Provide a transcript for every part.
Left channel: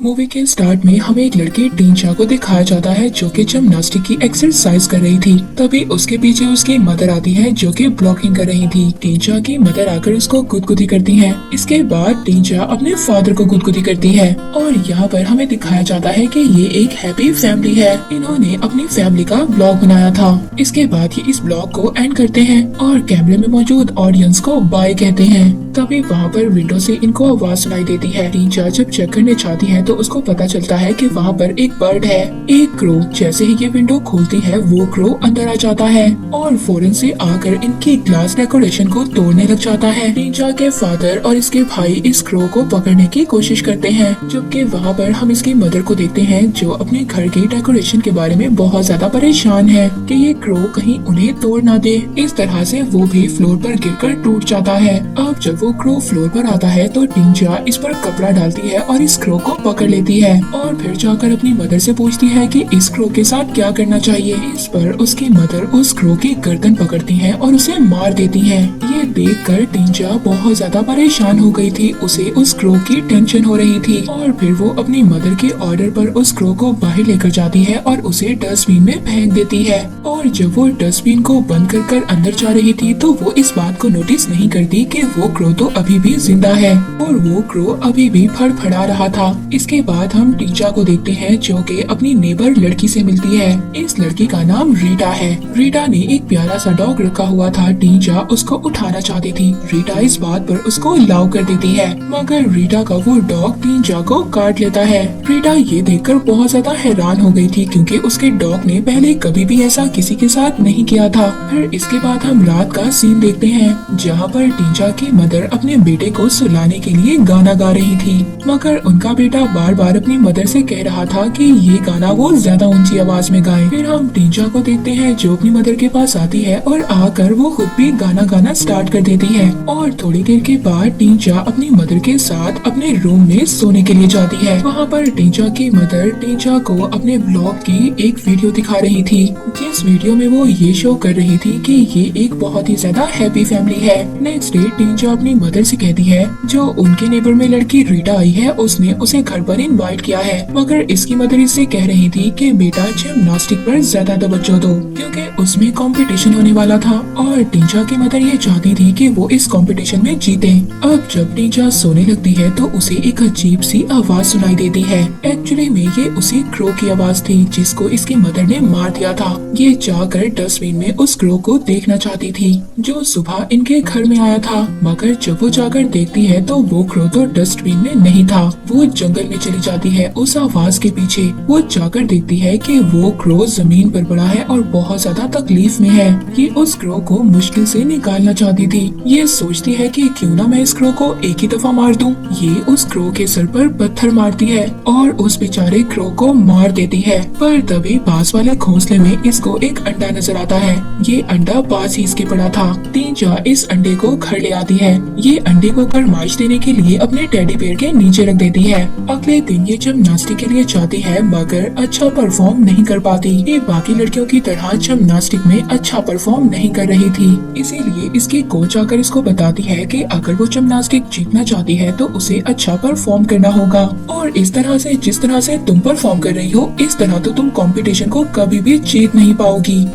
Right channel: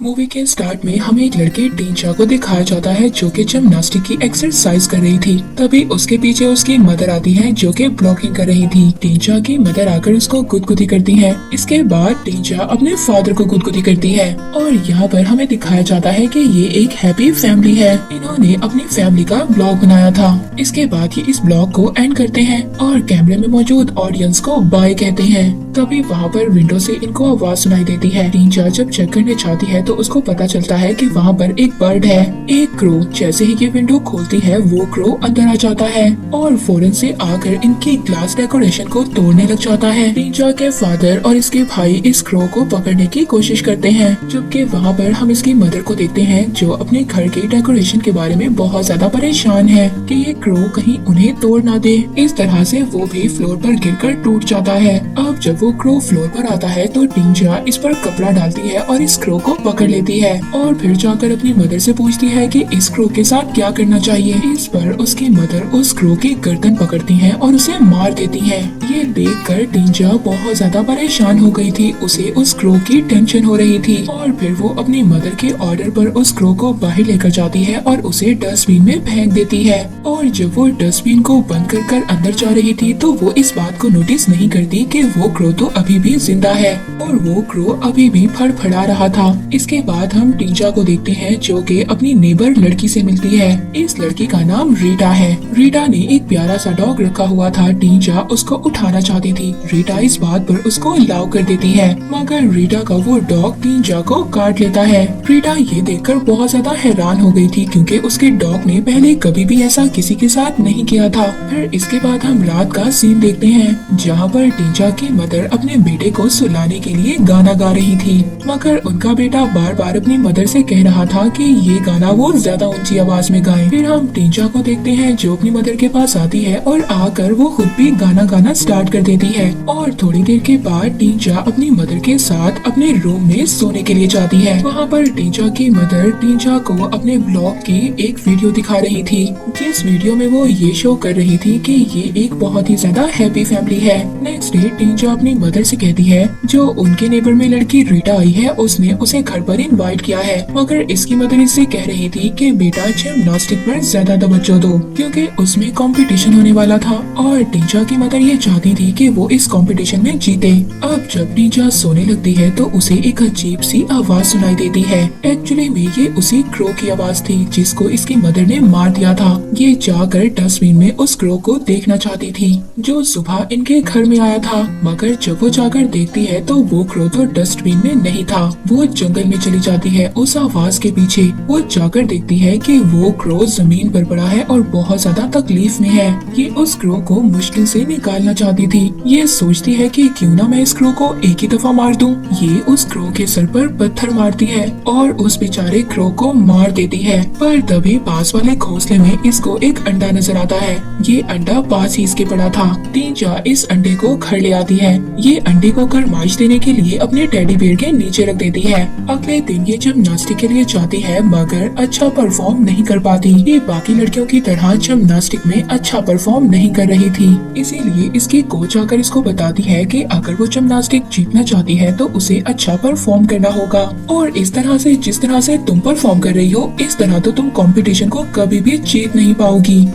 Movie के start में हमें एक लड़की टींचा को दिखाया जाता है जो कि जिम्नास्टिक की एक्सरसाइज कर रही थी। तभी उसके पीछे उसकी मदर आती है जो कि ब्लॉगिंग कर रही थी। टींचा की मदर आकर उसको गुदगुदी करती है। इसके बाद टींचा अपने फादर को गुदगुदी करती है और यहाँ पर हमें दिखाया जाता है कि ये एक हैप्पी फैमिली है। इन्होंने अपनी फैमिली का ब्लॉग बनाया था। इसके बाद ये इस ब्लॉग को एंड करते हैं और कैमरे में मौजूद ऑडियंस को बाय कहते हैं। तभी वहाँ पर विंडो से इनको आवाज सुनाई देती है। टींचा जब चेक करने जाती है तो उसको पता चलता है कि वहाँ पर एक बर्ड है, एक क्रो। जैसे ही ये विंडो खोलती है वो क्रो अंदर आ जाता है और फौरन से आकर इनकी ग्लास डेकोरेशन को तोड़ने लग जाता है। टींचा के फादर और इसके भाई इस क्रो को पकड़ने की कोशिश करते हैं, जबकि वहाँ पर हम इसकी मदर को देखते हैं जो अपने घर की डेकोरेशन के बारे में बहुत ज्यादा परेशान है कि ये क्रो कहीं उन्हें तोड़ ना दे। इस तरह से वो भी फ्लोर पर गिरकर टूट जाता है। अब जब वो क्रो फ्लोर पर आता है तो टींचा इस पर कपड़ा डालती है और इस क्रो को पकड़ लेती है और फिर जाकर अपनी मदर से पूछती है कि इस क्रो के साथ क्या करना चाहिए। इस पर उसकी मदर उस क्रो की गर्दन पकड़ती है और उसे मार देती है। ये देखकर टींचा बहुत ज्यादा परेशान हो गई थी। उसे उस क्रो की टेंशन हो रही थी और फिर वो अपनी मदर के ऑर्डर पर उस क्रो को बाहर लेकर जाती है और उसे डस्टबिन में फेंक देती है। और जब वो डस्टबिन को बंद कर अंदर जा रही थी तो वो इस बात को नोटिस नहीं करती कि वो क्रो तो अभी भी जिंदा है और वो क्रो अभी भी फड़फड़ा रहा था। इसके बाद हम टींचा को देखते हैं जो कि अपनी नेबर लड़की से मिलती है। इस लड़की का नाम रीटा है। रीटा ने एक प्यारा सा डॉग रखा हुआ था। टींचा उसको उठाना चाहती थी। रीटा इस बात पर उसको अलाउ कर देती है, मगर रीटा का वो डॉग टींचा को काट लेता है। रीटा ये देखकर बहुत ज्यादा हैरान हो गई थी क्योंकि उसके डॉग ने पहले कभी भी ऐसा किसी के साथ नहीं किया था। फिर इसके बाद हम रात का सीन देखते हैं जहाँ पर टींचा की मदर अपने बेटे को सुलाने के लिए गाना गा रही थी, मगर उनका बेटा बार बार अपनी मदर से कह रहा था कि ये गाना वो ज्यादा ऊंची आवाज में गाए। फिर हम टींचा को देखते हैं जो अपनी मदर के पास आती है और आकर वो खुद भी गाना गाना स्टार्ट कर देती है। और थोड़ी देर के बाद टींचा अपनी मदर के साथ अपने रूम में सोने के लिए जाती है। वहाँ पर टींचा की मदर टींचा को अपने ब्लॉग की एक वीडियो दिखा रही थी, जिस वीडियो में वो ये शो कर रही थी कि ये एक बहुत ही ज्यादा हैप्पी फैमिली है। नेक्स्ट डे टींचा अपनी मदर से कहती है जो उनके नेबर में लड़की रीटा आई है उसने उसे घर पर इनवाइट किया है, मगर इसकी मदर इससे कह रही थी कि बेटा जिम्नास्टिक पर ज्यादा तवज्जो दो क्योंकि उसमें कंपटीशन होने वाला था और टींचा की मदर ये चाहती थी कि वो इस कंपटीशन में जीते। अब जब टींचा सोने लगती है तो उसे एक अजीब सी आवाज सुनाई देती है। एक्चुअली में ये उसी क्रो की आवाज थी जिसको इसकी मदर ने मार दिया था। ये जाकर डस्टबिन में उस क्रो को देखना चाहती थी जो सुबह इनके घर में आया था, मगर जब वो जाकर देखती है तो वो क्रो तो डस्टबिन में नहीं था। वो जंगल में चली जाती है उस आवाज के पीछे। वो जाकर देखती है कि वो क्रो जमीन पर पड़ा है और बहुत ज्यादा तकलीफ में है। ये उस क्रो को मुश्किल से निकालना चाहती थी। ये सोचती है कि क्यों ना मैं इस क्रो को एक ही दफा मार दूं। ये उस क्रो के सर पर पत्थर मारती है और उस बेचारे क्रो को मार देती है। पर तभी पास वाले घोंसले में इसको एक अंडा नजर आता है। ये अंडा पास ही इसके पड़ा था। टींचा इस अंडे को घर ले आती है। ये अंडे को गरमाइश देने के लिए अपने टेडी बेयर के नीचे रख देती है। अगले दिन ये जिम्नास्टिक के लिए जाती है मगर अच्छा परफॉर्म नहीं कर पाती। ये बाकी लड़कियों की तरह जिम्नास्टिक में अच्छा परफॉर्म नहीं कर रही थी, इसीलिए इसकी कोच आकर इसको बताती है कि अगर वो जिम्नास्टिक जीतना चाहती है तो उसे अच्छा परफॉर्म करना होगा और इस तरह से जिस तरह से तुम परफॉर्म कर रही हो इस तरह तो तुम कंपटीशन को कभी भी जीत नहीं पाओगी।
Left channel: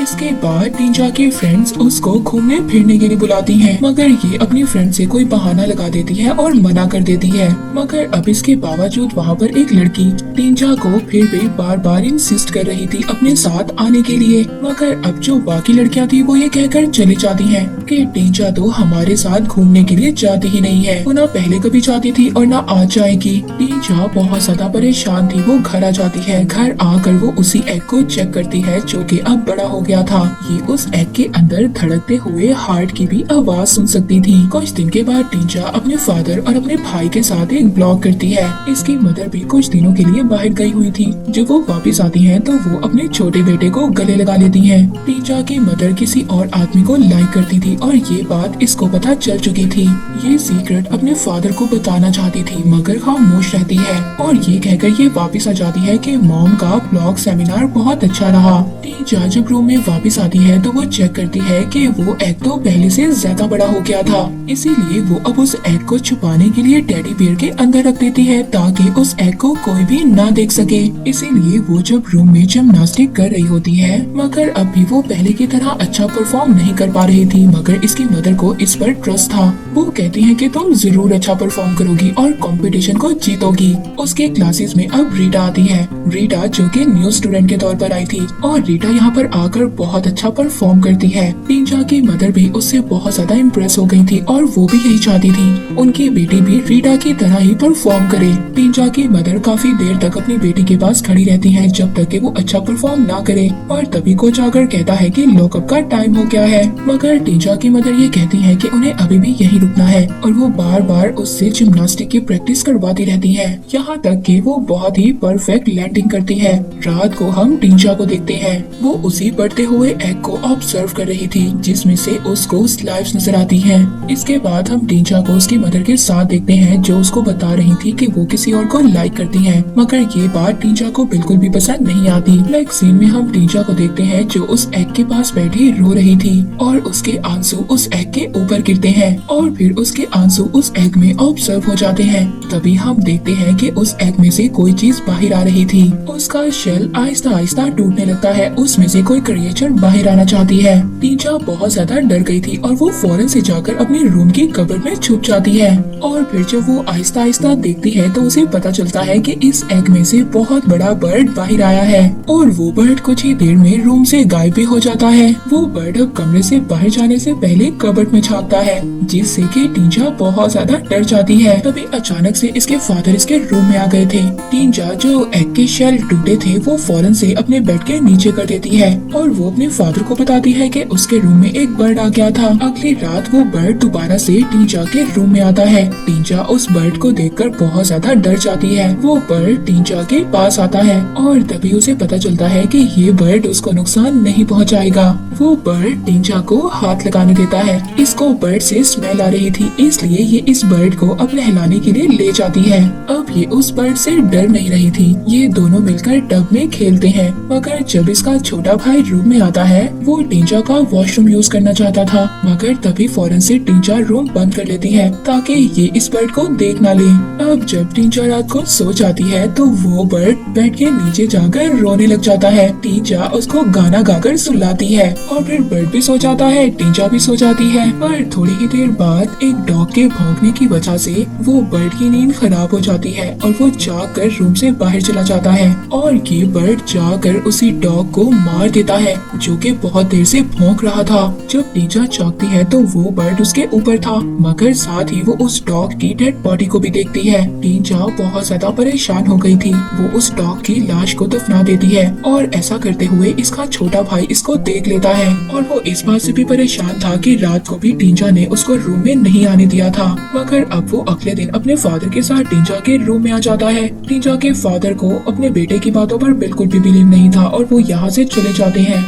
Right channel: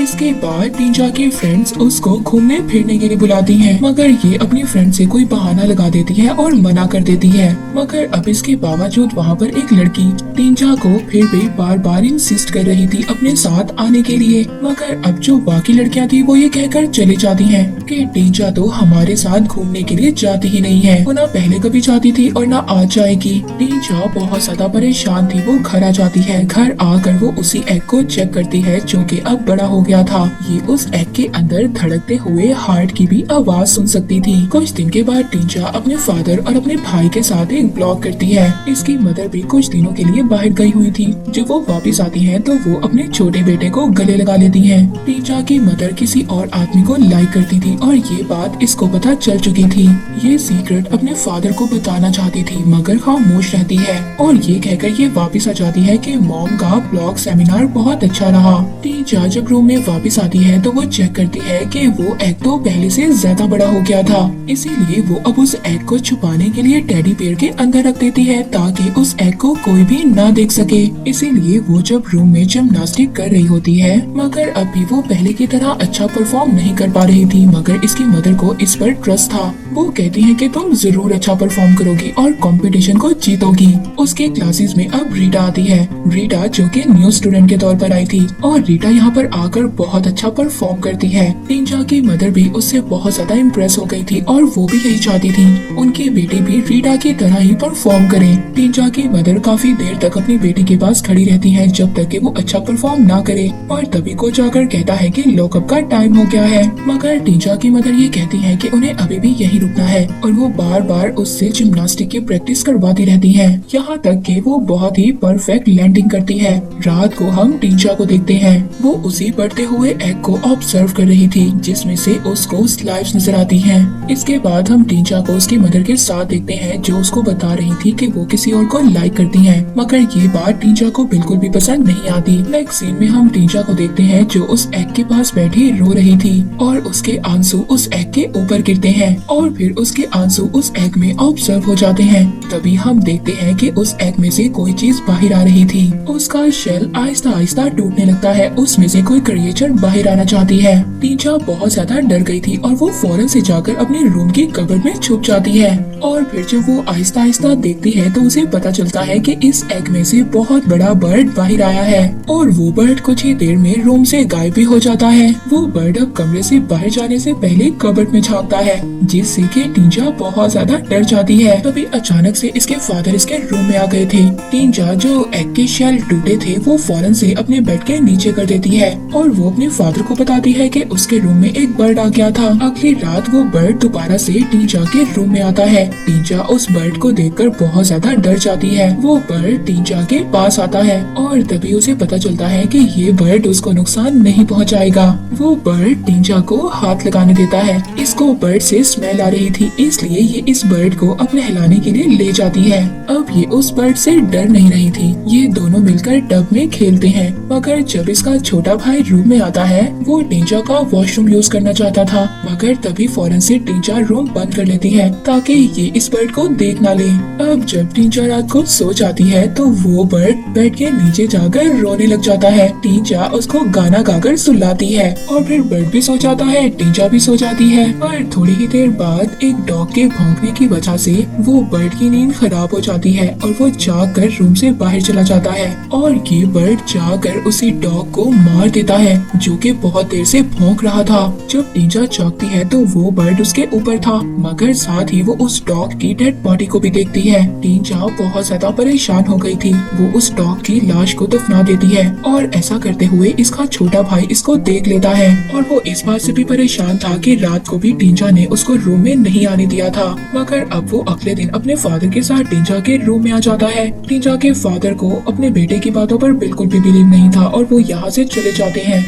इसके बाद टींचा की फ्रेंड्स उसको घूमने फिरने के लिए बुलाती हैं, मगर ये अपनी फ्रेंड से कोई बहाना लगा देती है और मना कर देती है। मगर अब इसके बावजूद वहाँ पर एक लड़की टींचा को फिर भी बार बार इंसिस्ट कर रही थी अपने साथ आने के लिए, मगर अब जो बाकी लड़कियाँ थी वो ये कहकर चली जाती हैं कि टींचा तो हमारे साथ घूमने के लिए जाती ही नहीं है। वो ना पहले कभी जाती थी और ना आज जाएगी। टींचा बहुत ज्यादा परेशान थी। वो घर आ जाती है। घर आकर वो उसी एग को चेक करती है जो कि अब बड़ा हो गया था। ये उस एग के अंदर धड़कते हुए हार्ट की भी आवाज सुन सकती थी। कुछ दिन के बाद टींचा अपने फादर और अपने भाई के साथ एक ब्लॉग करती है। इसकी मदर भी कुछ दिनों के लिए बाहर गई हुई थी। जब वो वापस आती है तो वो अपने छोटे बेटे को गले लगा लेती है। टींचा की मदर किसी और आदमी को लाइक करती थी और ये बात इसको पता चल चुकी थी। ये सीक्रेट अपने फादर को बताना चाहती थी मगर खामोश रहती है और ये कहकर ये वापस आ जाती है कि मॉम का ब्लॉग सेमिनार बहुत अच्छा रहा। टींचा जब रूम में वापस आती है तो वो चेक करती है कि वो एग तो पहले से ज्यादा बड़ा हो गया था, इसीलिए वो अब उस एग को छुपाने के लिए टेडी बियर के अंदर रख देती है ताकि उस एग को कोई भी ना देख सके। इसीलिए वो जब रूम में जिम्नास्टिक कर रही होती है, मगर अब भी वो पहले की तरह अच्छा परफॉर्म नहीं कर पा रही थी, मगर इसकी मदर को इस पर ट्रस्ट था। वो कहती है कि तुम जरूर अच्छा परफॉर्म करोगी और कंपटीशन को जीतोगी। उसके क्लासेस में अब रीटा आती है, रीटा जो कि न्यू स्टूडेंट के तौर पर आई थी, और रीटा यहाँ पर आकर बहुत अच्छा परफॉर्म करती है। टींचा की मदर भी उससे बहुत ज्यादा इम्प्रेस हो गई थी और वो भी यही चाहती थी उनकी बेटी भी रीटा की तरह ही परफॉर्म करे। टींचा की मदर काफी देर तक अपनी बेटी के पास खड़ी रहती है जब तक कि वो अच्छा परफॉर्म ना करे, और तभी कोच आकर कहता है कि लॉकअप का टाइम हो गया है। मगर टींचा की मदर ये कहती है कि उन्हें अभी भी यही रुकना है, और वो बार बार उससे जिम्नास्टिक की प्रैक्टिस करवाती रहती है, यहाँ तक कि वो बहुत ही परफेक्ट लैंडिंग करती है। रात को हम टींचा को देखते हैं, वो उसी बढ़ते हुए एग को ऑब्जर्व कर रही थी जिसमें से उसको स्लाइड्स नजर आती हैं। इसके बाद हम टींचा को उसकी मदर के साथ देखते हैं जो उसको बता रही थी कि वो किसी और को लाइक करती है, मगर ये बात टींचा को बिल्कुल भी पसंद नहीं आती। नेक्स्ट सीन में हम टींचा को देखते हैं जो उस एग के पास बैठी रो रही थी और उसके आंसू उस एग के ऊपर गिरते हैं और फिर उसके आंसू उस एग में ऑब्जर्व हो जाते हैं। तभी हम देखते हैं कि उस एग में से कोई चीज बाहर आ रही थी, उसका शेल आहिस्ता आहिस्ता टूटने लगता है, उसमें से कोई क्रिएचर बाहर आना चाहती है। टींचा बहुत ज्यादा डर गई थी और वो फौरन से जाकर अपने रूम की कबर्ड में छुप जाती है, और फिर जब वो आहिस्ता आहिस्ता देखती है तो उसे पता चलता है कि इस एग में से बहुत बड़ा बर्ड बाहर आया है, और वो बर्ड कुछ ही देर में रूम से गायब भी हो जाता है। वो बर्ड अब कमरे से बाहर जाने से पहले कबर्ड में झांकता है, जिससे कि टींचा बहुत ज्यादा डर जाती है। तभी अचानक से इसके फादर इसके रूम में आ गए थे। टींचा जो एग के शेल टूटे थे वो फौरन से अपने बेड के नीचे कर देती है, और वो अपने फादर को बताती है कि उसके रूम में एक बर्ड आ गया था। अगली रात वो बर्ड दोबारा से टींचा के रूम में आता है। टींचा उस बर्ड को देखकर बहुत ज्यादा डर जाती है। वो बर्ड टींचा के पास आता है और तभी उसे पता चलता है कि ये बर्ड उसको नुकसान नहीं पहुंचाएगा। वो बर्ड टींचा को हाथ लगाने देता है। इसको बर्ड से स्मेल आ रही थी, इसलिए ये इस बर्ड को अब नहलाने के लिए ले जाती है। अब ये उस बर्ड से डर नहीं रही थी। ये दोनों मिलकर टब में खेलते हैं, मगर जब इसका छोटा भाई रूम में आता है वो टींचा का वॉशरूम यूज करना चाहता था, मगर तभी फौरन से टींचा रूम बंद कर लेती है ताकि ये इस बर्ड को देख ना ले। अब जब टींचा रात को सो जाती है तो वो बर्ड बेड के नीचे जाकर रोने लग जाता है। टींचा उसको गाना गाकर सुलाती है और फिर बर्ड भी सो जाता है, टींचा भी सो जाती है। पर थोड़ी ही देर बाद एक डॉग के भौंकने की वजह से वो बर्ड की नींद खराब हो जाती है और वो जाग कर रूम से बाहर चला जाता है, और ये बर्ड जाकर उसी डॉग को मार देता है जो कि बहुत देर से भौंक रहा था। जब टींचा जागती है तो वो बर्ड उसके ऊपर था, मगर साथ ही वो उस डॉग की डेड बॉडी को भी देखती है। टींचा बहुत ज्यादा परेशान हो गई थी। वो उस डॉग की लाश को दफना देती है, और ऐसा करते हुए इसका छोटा भाई इसको देख लेता है, और वो इस बात से भी परेशान था कि रात को भी टींचा ने उसको रूम में नहीं आने दिया था। मगर अब वो अगले दिन अपने फादर के साथ टींचा के रूम में आ जाता है। टींचा के फादर को अपने बेटे की बातों पर बिल्कुल भी बिलीव नहीं था और वो यहाँ से चले जाते हैं।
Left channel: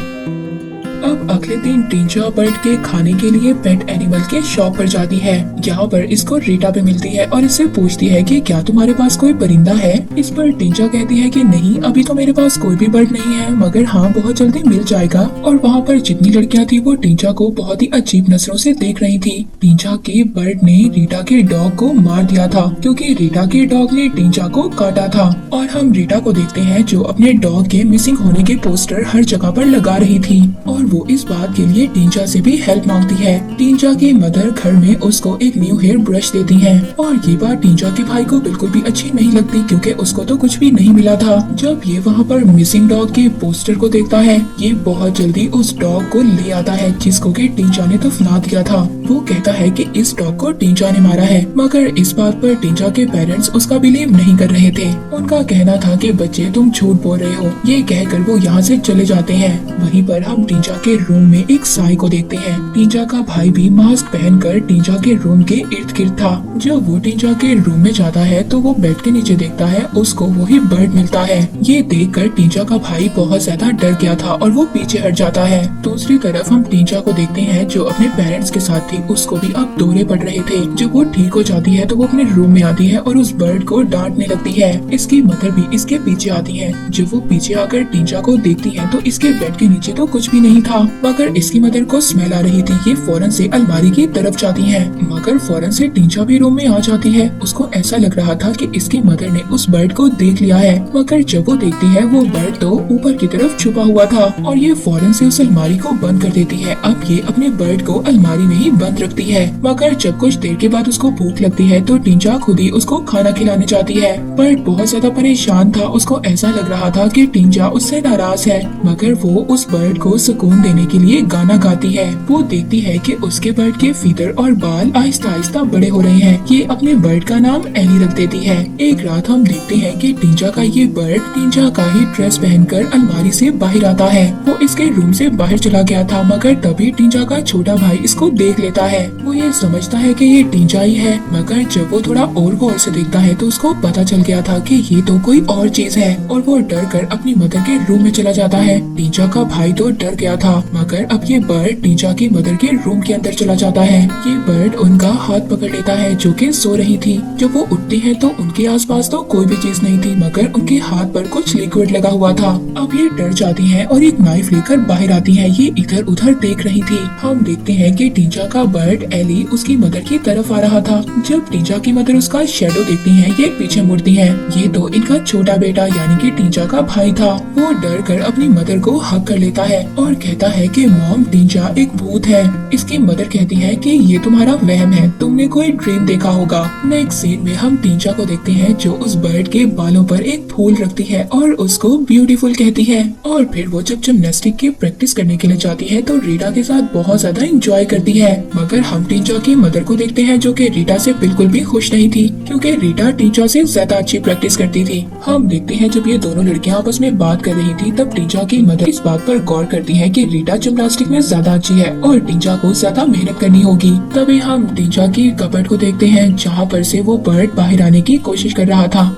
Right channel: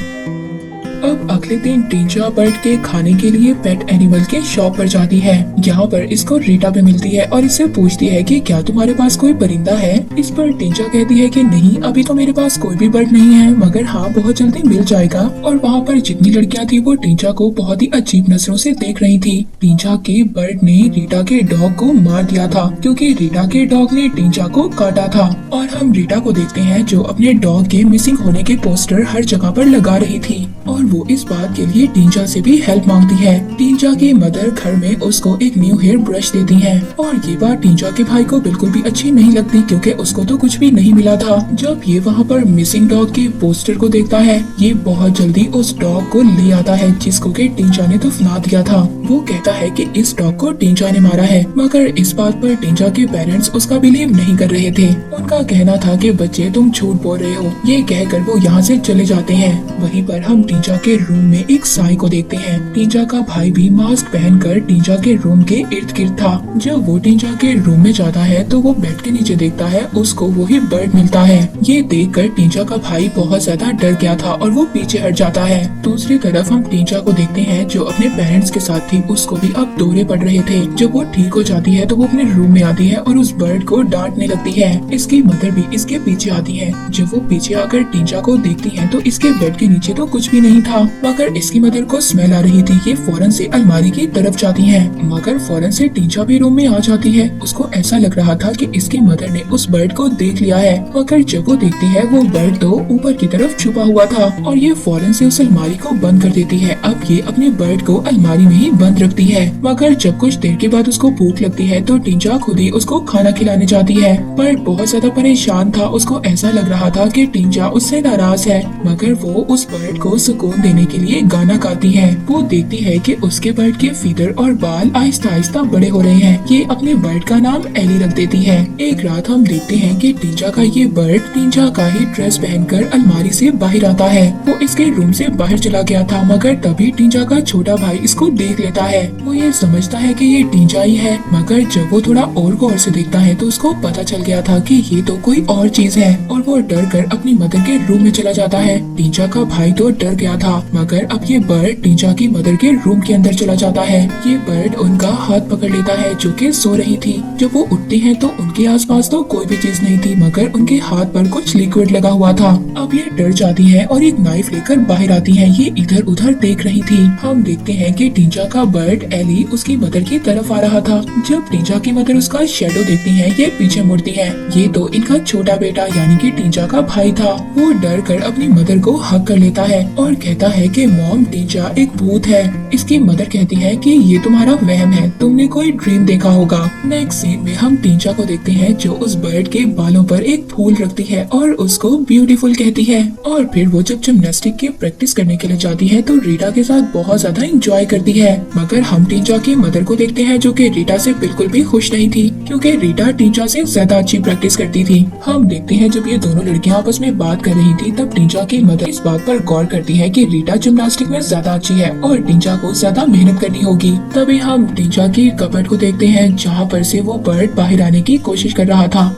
अब अगले दिन टींचा बर्ड के खाने के लिए पेट एनिमल के शॉप पर जाती है। यहाँ पर इसको रीटा भी मिलती है और इससे पूछती है कि क्या तुम्हारे पास कोई परिंदा है। इस पर टींचा कहती है कि नहीं, अभी तो मेरे पास कोई भी बर्ड नहीं है, मगर हाँ बहुत जल्दी मिल जाएगा। और वहाँ पर जितनी लड़कियाँ थी वो टींचा को बहुत ही अजीब नजरों से देख रही थी। टींचा के बर्ड ने रीटा के डॉग को मार दिया था क्योंकि रीटा के डॉग ने टींचा को काटा था। और हम रीटा को देखते हैं जो अपने डॉग के मिसिंग होने के पोस्टर हर जगह पर लगा रही थी, और वो इस बात के लिए टींचा से भी हेल्प मांगती है। टींचा के मदर घर में उसको एक न्यू हेयर ब्रश देती है, और ये बात टींचा के भाई को बिल्कुल भी अच्छी नहीं लगती क्योंकि उसको तो कुछ भी नहीं मिला था। जब ये वहाँ पर मिसिंग डॉग के पोस्टर को देखता है, ये बहुत जल्दी उस डॉग को ले आता है जिसको कि टींचा ने दफना दिया था। वो कहता है कि इस डॉग को टींचा ने मारा है, मगर इस बात पर टींचा के पेरेंट्स उसका बिलीव नहीं कर रहे थे। उनका कहना था कि बच्चे तुम झूठ बोल रहे हो। ये कहकर वो यहाँ से चले जाते हैं। वहीं पर हम टींचा के रूम में एक साई को देखते हैं। टींचा का भाई भी मास्क पहनकर टींचा के रूम के इर्द गिर्द था। जब वो टींचा के रूम में जाता है तो वो बेड के नीचे देखता है उसको वही बर्ड मिलता है। ये देखकर टींचा का भाई बहुत ज्यादा डर गया था और वो पीछे हट जाता है। दूसरी तरफ हम टींचा को देखते हैं जो अपने पेरेंट्स के साथ थी, उसको भी अब दौरे पड़ रहे थे। जब वो ठीक हो जाती है तो वो अपने रूम में आती है और उस बर्ड को डांटने लगती है। इसकी मदर भी इसके पीछे आती है। जब वो पीछे आकर टींचा को देखती है तो इसके बेड के नीचे तो कुछ भी नहीं था, मगर इसकी मदर को स्मेल आ रही थी। ये फौरन से अलमारी की तरफ जाती है, मगर फौरन से टींचा भी रूम में आ जाती है। उसको ऐसा लग रहा था कि इसकी मदर ने उस बर्ड को देख लिया है, मगर जब वो देखती है वो बर्ड तो ऊपर की तरफ छुपा हुआ था और ये फौरन से उस अलमारी को बंद कर देती है। अब ये अपने बर्ड को अलमारी में ही बंद रखती है, मगर जब कुछ देर के बाद उसको भूख लगती है तो टींचा खुद ही उसको खाना खिलाने जाती है। बर्ड बहुत ज्यादा परेशान था, उसको ऐसा लग रहा था कि टींचा उससे नाराज है, मगर वो उस बर्ड को सुकून देने के लिए गाना गाती है। वो देखती है कि उसके बर्ड के फीदर और बाल आहिस्ता आहिस्ता बड़े हो रहे हैं। ये अपने बर्ड का नाम एली रख देती है। एक रात हम देखते हैं कि टींचा का ये बर्ड टींचा का ही ड्रेस पहनकर अलमारी से बाहर आता है। वो इसके रूम से बाहर चला गया था, मगर तभी टींचा का छोटा भाई इसको देख लेता है। वो ये समझता है कि ये टींचा ही है, मगर जब वो थोड़ा और गौर से देखता है तो उसको पता चल गया था कि ये तो कोई और चीज है और वो डर कर अपनी मदर के रूम में चला जाता है। टींचा का भाई तो डर गया था, मगर अब ये बर्ड टींचा की मदर के रूम के अंदर चला जाता है। ये बर्ड उनका हाथ पकड़ लेता है जो कि सो रही थी। जब वो उठती है तो उनके आसपास तो कोई भी चीज नहीं थी, मगर उनके हाथ पर कुछ लिक्विड लगा हुआ था। अब ये डर जाती है और एक नाइफ लेकर बाहर आती है। ये इधर उधर देख रही थी। हम देखते हैं कि टींचा का बर्ड एली उसकी मदर की तरफ आ रहा था। जब टींचा की मदर उसका शेडो देखती है ये पीछे मुड़ती है। ये तो इनका छोटा बेटा यानी कि टींचा का भाई था। वो डर कर अपनी मदर को हक कर लेता है और कहता है कि मॉम, टींचा एक भूत है। इसकी मदर कहती है कि ये तुम्हारा वहम है, तुमने कोई ड्रीम देखा होगा। नेक्स्ट सीन में हम टींचा को देखते हैं जो उस बर्ड के बालों पर एक फूल रखती है और उसको ब्यूटीफुल कहती है। और फिर वो जब जिम्नास्टिक की प्रैक्टिस करने के लिए जाती है तो रीटा के साथ बहुत ज्यादा एंजॉय करती है। मगर हम टींचा की मदर को देखते हैं जो कि रीटा से बिल्कुल भी खुश नहीं थी, क्योंकि रीटा टींचा से ज्यादा अच्छी प्रैक्टिस करती थी। हम देखते हैं जब ये दोनों लड़कियां आपस में बात कर रही थी तब टींचा की मदर इस बात पर गौर करती है कि रीटा जिम्नास्टिक में ज्यादा अच्छी है और टींचा को ज्यादा मेहनत करनी होगी। तभी हम टींचा की कपबोर्ड को देखते हैं जहाँ पर से वो बर्ड बाहर आने की कोशिश कर रहा था।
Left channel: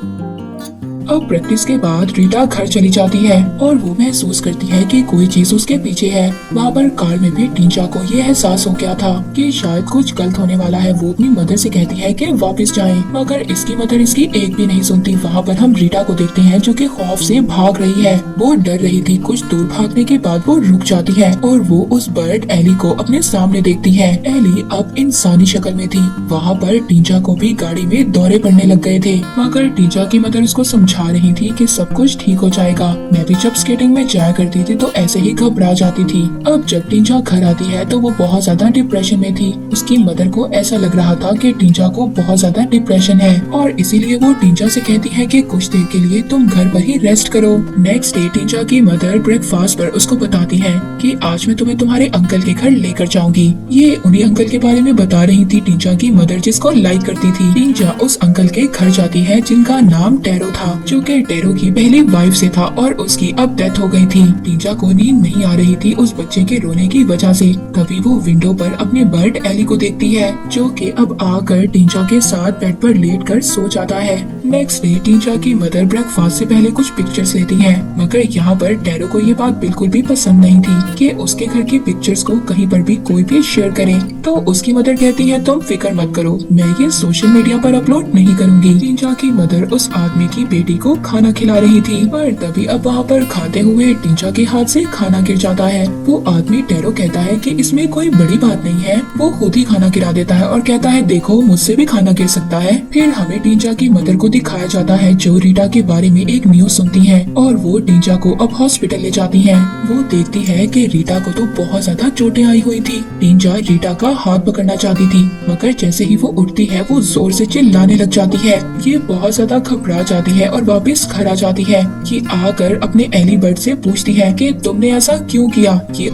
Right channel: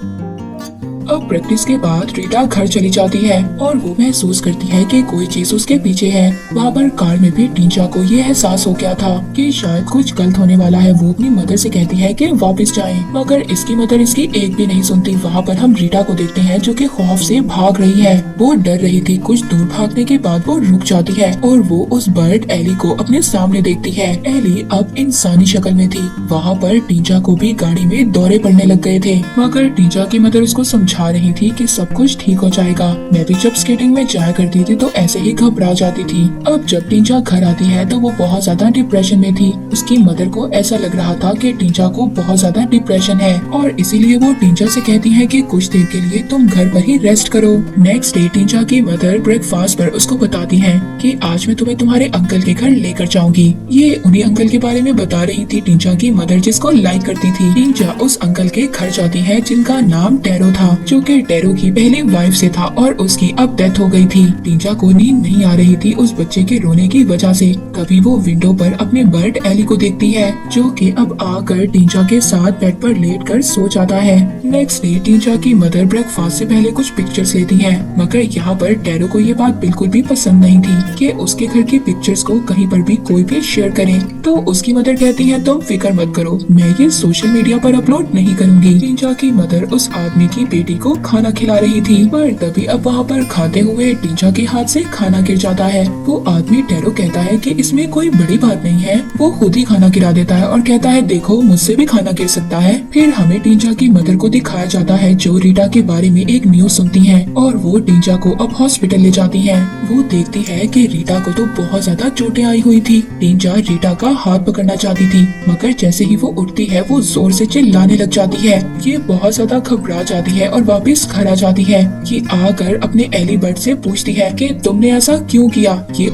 अब प्रैक्टिस के बाद रीटा घर चली जाती है और वो महसूस करती है कि कोई चीज उसके पीछे है। वहाँ पर कार में भी टींचा को ये एहसास हो गया था कि शायद कुछ गलत होने वाला है। वो अपनी मदर से कहती है कि वापस जाए, मगर इसकी मदर इसकी एक भी नहीं सुनती। वहाँ पर हम रीटा को देखते हैं जो कि खौफ से भाग रही है। वो डर रही थी। कुछ दूर भागने के बाद वो रुक जाती है और वो उस बर्ड एली को अपने सामने देखती है। एली अब इंसानी शक्ल में थी। वहाँ पर टींचा को भी गाड़ी में दौरे पड़ने लग गए थे, मगर टींचा की मदर उसको समझा रही थी कि सब कुछ ठीक हो जाएगा। मैं भी जब स्केटिंग में जाया करती थी तो ऐसे ही घबरा जाती थी। अब जब टींचा घर आती है तो वो बहुत ज्यादा डिप्रेशन में थी। उसकी मदर को ऐसा लग रहा था कि टींचा को बहुत ज्यादा डिप्रेशन है और इसीलिए वो टींचा से कहती है कि कुछ देर के लिए तुम घर पर ही रेस्ट करो। नेक्स्ट डे टींचा की मदर ब्रेकफास्ट पर उसको बताती है कि आज मैं तुम्हें तुम्हारे अंकल के घर लेकर जाऊंगी। ये उन्हीं अंकल के बारे में बता रही थी टींचा की मदर जिसको लाइक करती थी। टींचा उस अंकल के घर जाती है जिनका नाम टेरो था, जो कि टेरो की पहली वाइफ से था और उसकी अब डेथ हो गई थी। टींचा को नींद नहीं आ रही थी उस बच्चे के रोने की वजह से। तभी वो विंडो पर अपने बर्ड एली को देखती है जो कि अब आकर टींचा के साथ बेड पर लेट कर सो जाता है। नेक्स्ट डे टींचा की मदर ब्रेकफास्ट से पहले कुछ पिक्चर्स लेती है, मगर यहाँ पर टेरो को ये बात बिल्कुल भी पसंद नहीं थी कि उसके घर के पिक्चर्स को कहीं पर भी कोई भी शेयर करे। तो उसकी मदर कहती है तुम फिक्र मत करो, मैं ये सोशल मीडिया पर अपलोड नहीं करूँगी। टींचा की मदर उस आदमी की बेटी को खाना खिला रही थी, पर तभी अब वहाँ पर खाते हुए टींचा के हाथ से खाना गिर जाता है। वो आदमी टेरो कहता है कि इसमें कोई बड़ी बात नहीं है। वो खुद ही खाना गिरा देता है और कहता है देखो मुझसे भी खाना गिर सकता है। फिर हमें टींचा की मदर को दिखाया जाता है जो रीटा के बारे में एक न्यूज सुनती है और वो टींचा को अब हॉस्पिटल ले जाती है। वो देखती है कि रीटा को तो बहुत ज्यादा चोटें आई हुई थी। टींचा रीटा का हाथ पकड़ना चाहती थी, मगर जैसे ही वो उठती है वो जोर से चिल्लाने लग जाती है। ये बहुत ज्यादा घबरा जाती है और और वापस घर आ जाती है। ये आकर अपने एली बर्ड से पूछती है कि तुमने ऐसा क्यों किया। ये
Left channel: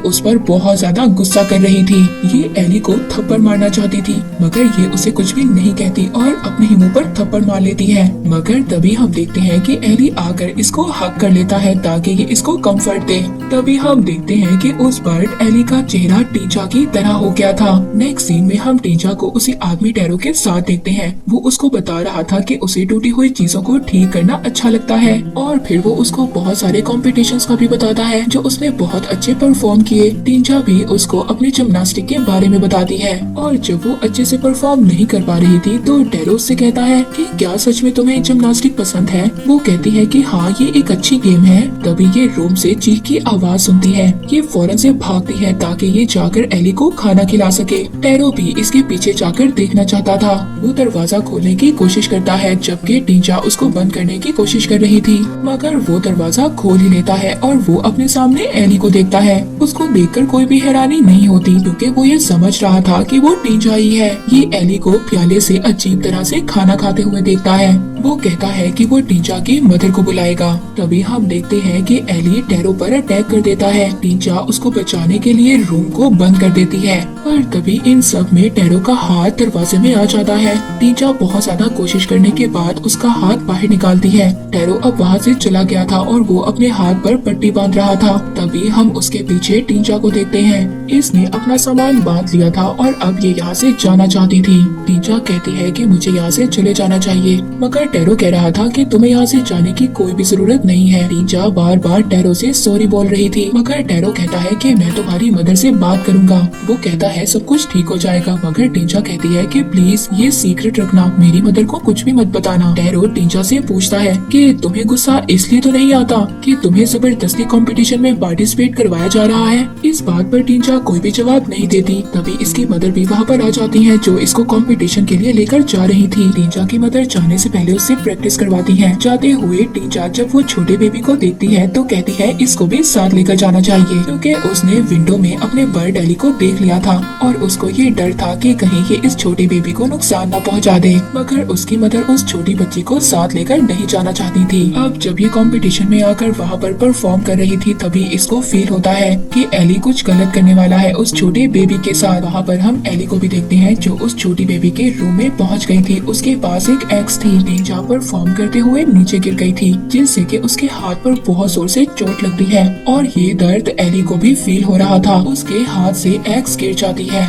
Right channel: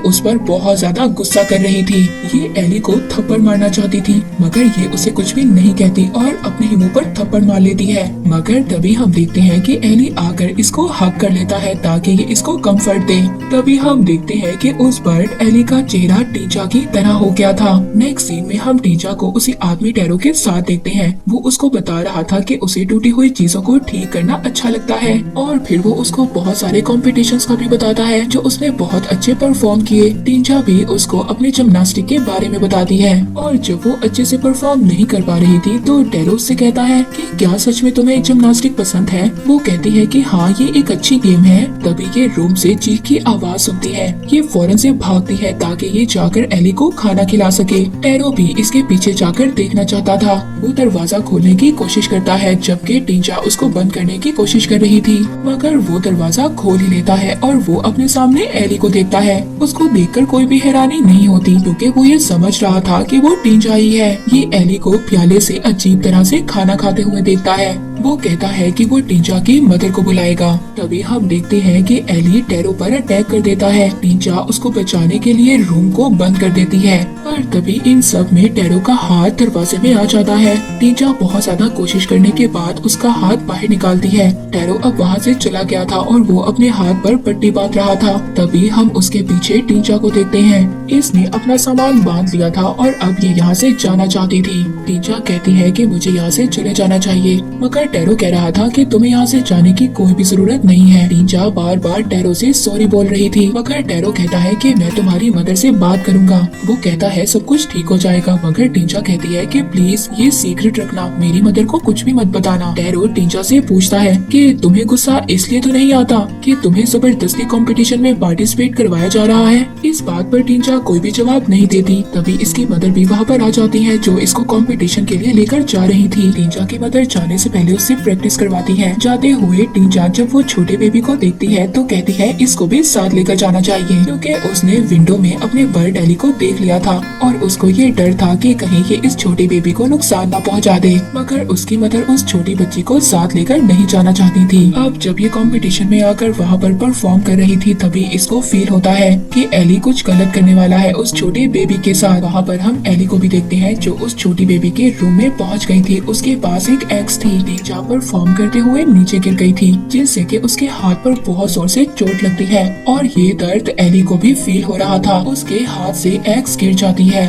उस पर बहुत ज्यादा गुस्सा कर रही थी। ये एली को थप्पड़ मारना चाहती थी मगर ये उसे कुछ भी नहीं कहती और अपने ही मुंह पर थप्पड़ मार लेती है। मगर तभी हम देखते हैं कि एली आकर इसको हग कर लेता है ताकि ये इसको कंफर्ट दे। तभी हम देखते हैं कि उस बर्ड एली का चेहरा टीचा की तरह हो गया था। नेक्स्ट सीन में हम टीचा को उसी आदमी टैरो के साथ देखते हैं। वो उसको बता रहा था कि उसे टूटी हुई चीजों को ठीक करना अच्छा लगता है और फिर वो उसको बहुत सारे कॉम्पिटिशन्स का भी बताता है जो उसने बहुत अच्छे परफॉर्म किए। टीचा भी उसको अपनी जिम्नास्टिक के बारे में बताती है और जब वो अच्छे से परफॉर्म नहीं कर पा रही थी तो टैरो उससे कहता है कि क्या सच में तुम्हें जिम्नास्टिक पसंद है। वो कहती है कि हाँ ये एक अच्छी गेम है। तभी ये रूम से चीख की आवाज सुनती है। ये फौरन से भागती है ताकि ये जाकर एली को खाना खिला सके। टैरो भी इसके पीछे जाकर देखना चाहता था। वो दरवाजा खोलने की कोशिश करता है जबकि टीचा उसको बंद करने की कोशिश कर रही थी मगर वो दरवाजा खोल ही लेता है और वो अपने सामने एली को देखता है। उसको देखकर कोई भी हैरानी नहीं होती क्योंकि वो ये समझ रहा था कि वो टीचा ही है। ये एली को प्याले से अजीब तरह से खाना खाते हुए देखता है। वो कहता है कि वो टीचा की मदर को बुलाएगा। तभी हम देखते हैं कि एली टैरो पर अटैक कर देता है। टीचा उसको बचाने के लिए रूम को बंद कर देती है पर तभी इन सब में टैरो का हाथ दरवाजे में आ जाता है। टीचा बहुत ज्यादा कोशिश करने के बाद उसका हाथ बाहर निकालती है। टैरो अब वहाँ से चला गया था और वो अपने हाथ पर पट्टी बांध रहा था। तभी हम उसके पीछे टीचा को देखते हैं। इसने अपना सामान बांध लिया था और अब ये यहाँ से जाना चाहती थी। टीचा कहती है कि मुझे यहाँ से चले जाना चाहिए मगर टैरो कह रहा था कि तुम्हें यहाँ से जाने की कोई भी जरूरत नहीं है। टीचा बार बार टैरो से सॉरी बोल रही थी मगर टैरो कहता है कि मैं तुम्हारी मदर से बात करूंगा। वो कहता है सब कुछ ठीक हो जाएगा मगर टीचा कहती है कि प्लीज ये सीक्रेट रखना, मेरी मदर को कुछ भी मत बताना। टैरो टीचा से पूछता है कि तुम्हें गुस्सा इसलिए तो नहीं आता कि तुम्हें जबरदस्ती कंपटीशन में पार्टिसिपेट करवाया जा रहा है। इस बात पर टीचा कोई भी जवाब नहीं देती। तभी इसकी मदर भी वहाँ पर आ जाती है जो इसको कंपटीशन के लिए लेकर जा रही थी। टीचा की मदर जाने से पहले उससे प्रैक्टिस करवाती है। जाते हुए टीचा जब वो छोटी बेबी को देखती है तो कहती है इसको भी साथ लेकर जाना चाहिए क्योंकि उसने विंडो में अपने बर्ड एली को देख लिया था और उसको ये डर था कि कहीं ये इस छोटी बेबी को नुकसान न पहुंचा दे। मगर उसकी मदर उस छोटी बच्ची को साथ लेकर नहीं जाना चाहती थी। अब जब ये कंपटीशन में आकर वहाँ पर परफॉर्म कर रही थी तभी इसको फील होता है कि एली कुछ गलत करने वाला है उस छोटे बेबी के साथ। वहाँ पर हम एली को भी देखते हैं जो उस छोटी बेबी के रूम में पहुँच गई थी। उसके पास एक एक्स थी। टीचा परफॉर्म करते हुए नीचे गिर गई थी जिससे कि उसके हाथ पर बहुत जोर से चोट लगती है और ये दर्द एली को भी फील हो रहा था। उसके हाथ से एक्स गिर जाती है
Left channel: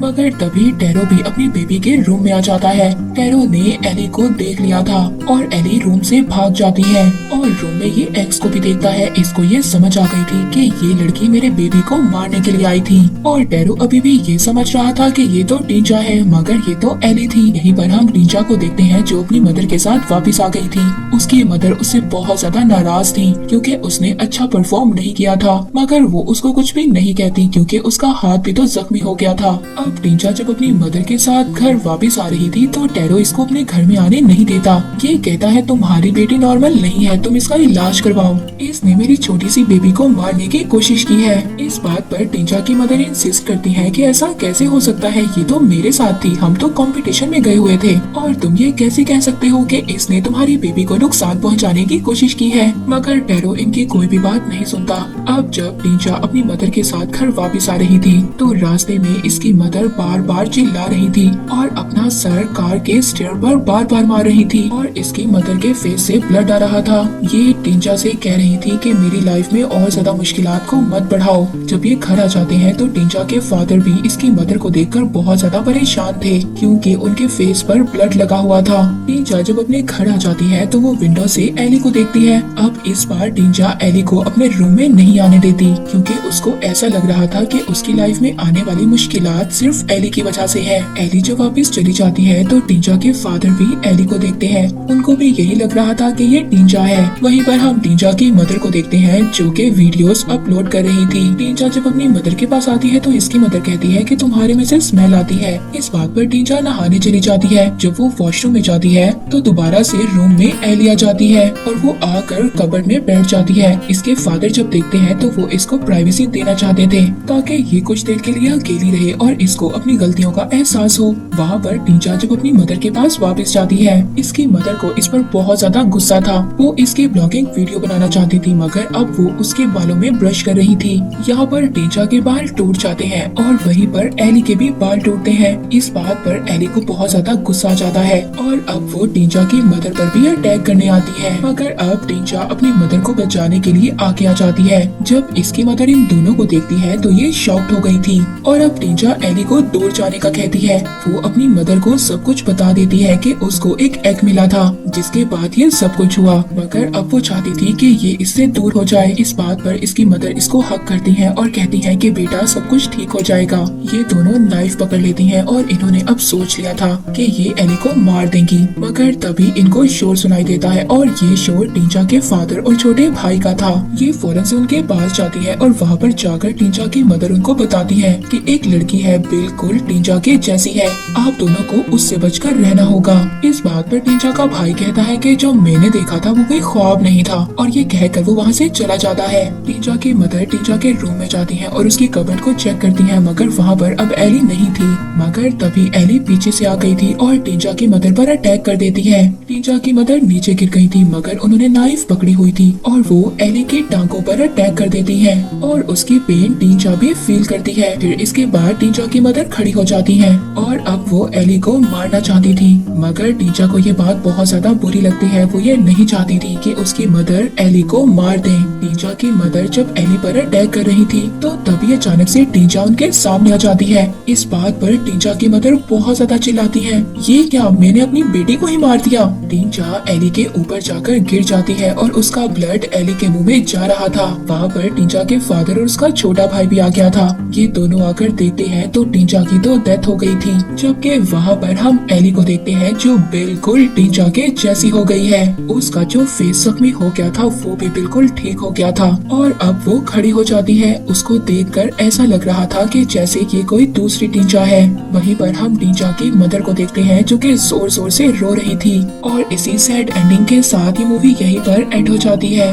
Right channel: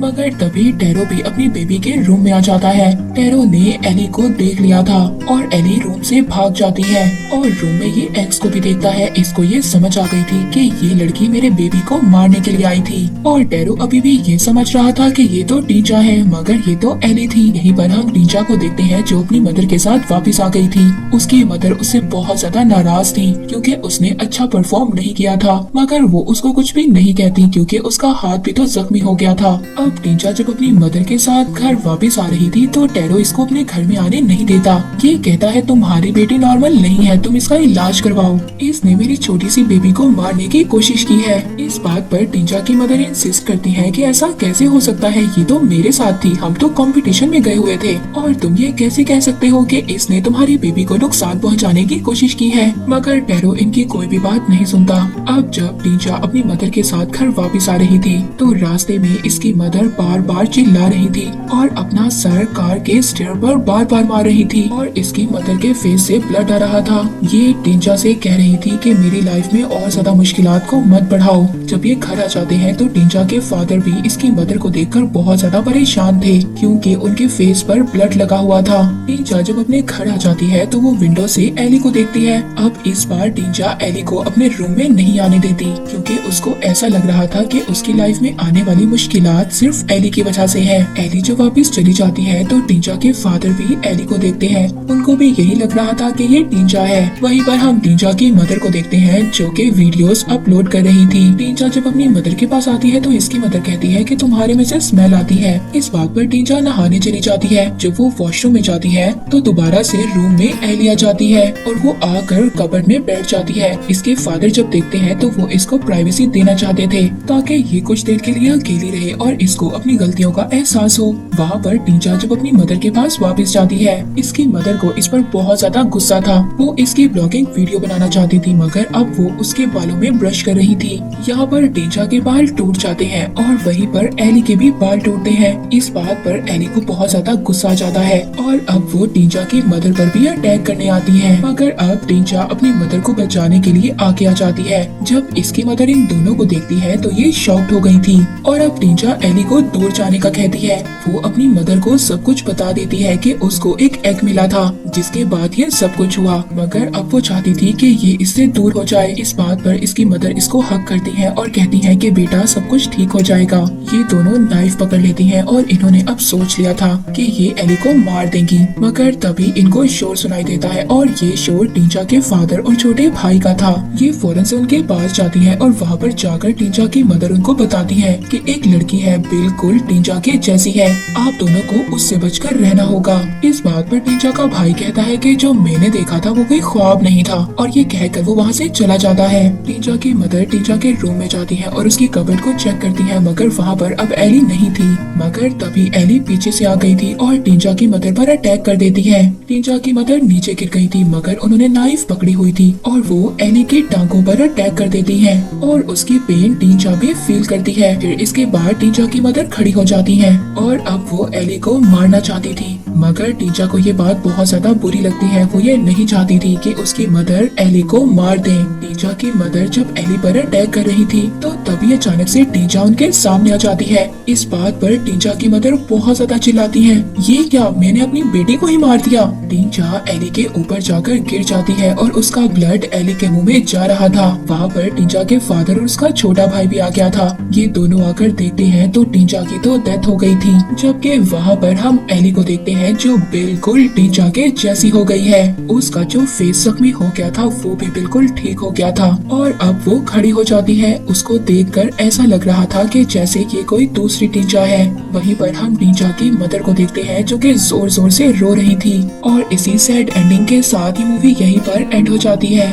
मगर तभी टैरो भी अपनी बेबी के रूम में आ जाता है। टैरो ने एली को देख लिया था और एली रूम से भाग जाती है और रूम में ये एक्स को भी देखता है। इसको ये समझ आ गई थी कि ये लड़की मेरे बेबी को मारने के लिए आई थी और टैरो अभी भी ये समझ रहा था कि ये तो टीचा है मगर ये तो एली थी। यहीं पर हम टीचा को देखते हैं जो अपनी मदर के साथ वापस आ गई थी। उसकी मदर उससे बहुत ज्यादा नाराज थी क्योंकि उसने अच्छा परफॉर्म नहीं किया था मगर वो उसको कुछ भी नहीं कहती क्योंकि उसका हाथ भी तो जख्मी हो गया था। अब टीचा जब अपनी मदर के साथ घर वापस आ रही थी तो टैरो इसको अपने घर में आने नहीं देता। ये कहता है तुम्हारी बेटी नॉर्मल नहीं है, तुम इसका इलाज करवाओ। इसने मेरी छोटी सी बेबी को मारने की कोशिश की है। इस बात पर टीचा की मदर इंसिस्ट करती है कि ऐसा कैसे हो सकता है, ये तो मेरे साथ थी, हम तो कंपटीशन में गए हुए थे और तुम ये कैसे कह सकते हो कि इसने तुम्हारी बेबी को नुकसान पहुँचाने की कोशिश की है। मगर टैरो इनकी कोई भी बात नहीं सुनता। अब जब टीचा अपनी मदर के साथ घर वापस आ रही थी तो रास्ते में इसकी मदर बार बार चिल्ला रही थी और अपना सर कार के स्टीयर पर बार बार मार रही थी और इसकी मदर के फेस से ब्लड आ रहा था। ये टीचा से कह रही थी कि मेरी लाइफ में और ज्यादा मुश्किलात को मत बढ़ाओ। जब ये घर आ जाते हैं तो टीचा के फादर भी इसकी मदर को देखकर बहुत ज्यादा परेशान थे क्योंकि उनके फेस पर ब्लड लगा हुआ था। टीचा जब अपने घर आ जाती है तो वो विंडो से एली को देखती है। अब इस बार टीचा एली को अपने रूम में नहीं आने देती क्योंकि उसको ऐसा लग रहा था कि उसकी लाइफ में आने वाली मुश्किलात सिर्फ एली की वजह से है। एली जब वापस चली जाती है तो टीचा के फादर भी एली को देखते हैं। उनको भी यही लग रहा था कि ये टीचा है। वहीं पर हम टीचा की मदर को देखते हैं जो कि वीडियोस अपलोड कर रही थी। टीचा जब अपनी मदर के पास आती है तो इसकी मदर कहती है कि तुम्हारे में से स्मेल आती है। इस बात पर टीचा नहाने चली जाती है। जब वो वॉशरूम में जाती है तो दोबारा से रूम में एली आ जाती है और वो आकर कबर्ड में बैठ जाती है। इसके फादर जब देखते हैं तो वो इसको प्राइवेसी देना चाहते थे ताकि ये कुछ देर के लिए अकेली रहे और इसको अपनी गलतियों का एहसास हो। वहाँ पर टीचा जब अपनी मदर के पास वापस जाती है, इसकी मदर को इस पर बहुत ज्यादा गुस्सा था। वो इसकी ब्लॉगिंग वीडियो बनाना चाहती थी मगर अब वो उसके बालों में ब्रश कर रही थी। यहाँ पर टीचा के बाल टूट जाते हैं और वहीं पर एली के भी बाल टूटते हैं। इस बात पर एली को बहुत ज्यादा गुस्सा आ जाता है और अब वो टीचा की मदर पर भी अटैक करने आती है। मगर अब टीचा अपनी मदर को बचाने के लिए आगे आ जाती है। जब इसकी मदर इन दोनों को देखती है तो ये शॉक्ड हो गई थी और अब टीचा एली को दूर जाने का कहती है। वो अपनी मदर को सब कुछ बता देती है कि उसको एक एग मिला था जिसके बाद ये सब कुछ हुआ, मगर अब वो चाहती थी कि ये इससे दूर हो जाए। इस बात पर इसकी मदर इसको हक करती है और कहती है कि बेटा सब कुछ ठीक हो जाएगा। ये दोनों नाइफ पकड़ लेती हैं और इन्होंने अब सोच लिया था कि ये एली को मार देंगी, मगर तभी इनको शोर सुनाई देता है और ये शोर टीचा के फादर और छोटे भाई का था। ये फौरन से उनके पास जाती है और वहाँ पर जाकर टीचा की मदर उनको बताती है कि एक लड़की है बिल्कुल टीचा के जैसी है, आप दोनों को उससे बचकर रहना होगा। इस बात पर टीचा का भाई कहता है कि जो मैंने देखा था वो कोई ख्वाब नहीं था और ये कहकर वो वहाँ से चला जाता है। टीचा की मदर टीचा के रूम में जाती है और उसकी कबर्ड को चेक करती है मगर वहाँ पर अब एली नहीं थी। मगर तभी एली पीछे से आ गई थी और टीचा की मदर पर अटैक कर देती है। टीचा की मदर नीचे गिर गई थी मगर उन्होंने नाइफ पकड़ी हुई थी और वो एली की टांगों पर अटैक कर देती है और उसकी पेन टीचा भी फील करती है। फिर इसके बाद टीचा की मदर खड़ी हो जाती है और अब वो एली को मारना चाहती थी मगर टीचा को ये बात बहुत ज्यादा बुरी लगती है। वो ये नहीं चाहती थी कि उसकी मदर एली को मार दे। टीचा की मदर जब एली पर अटैक कर रही थी तो तभी अचानक से टीचा उनके सामने आ जाती है। इस बात पर टीचा की मदर बहुत ज्यादा चिल्लाती है, ये क्या, मैंने अपनी बेटी को ही मार दिया। टीचा एली के ऊपर जाकर गिर जाती है और उसका ब्लड एली के मुंह में जा रहा था। वहाँ पर टीचा के फादर और उसका छोटा भाई भी आ गया था। ये दोनों आकर देखते हैं तो टीचा की तो डेथ हो गई थी, जबकि वहाँ पर हम एली को देखते हैं जो बिल्कुल टीचा के जैसी हो गई है। उसका जो फेस जख्मी हो गया था वो भी बिल्कुल ठीक हो गया था और अब वो खड़ी हो जाती है। उसको देखकर ऐसा लग रहा था कि जैसे ये कोई दूसरी टीचा है। वहीं पर हम टीचा की मदर को देखते हैं जो कि जोर जोर से रो रही थी और इसी सैड एंडिंग के साथ ये मूवी यहीं पर एंड हो जाती है।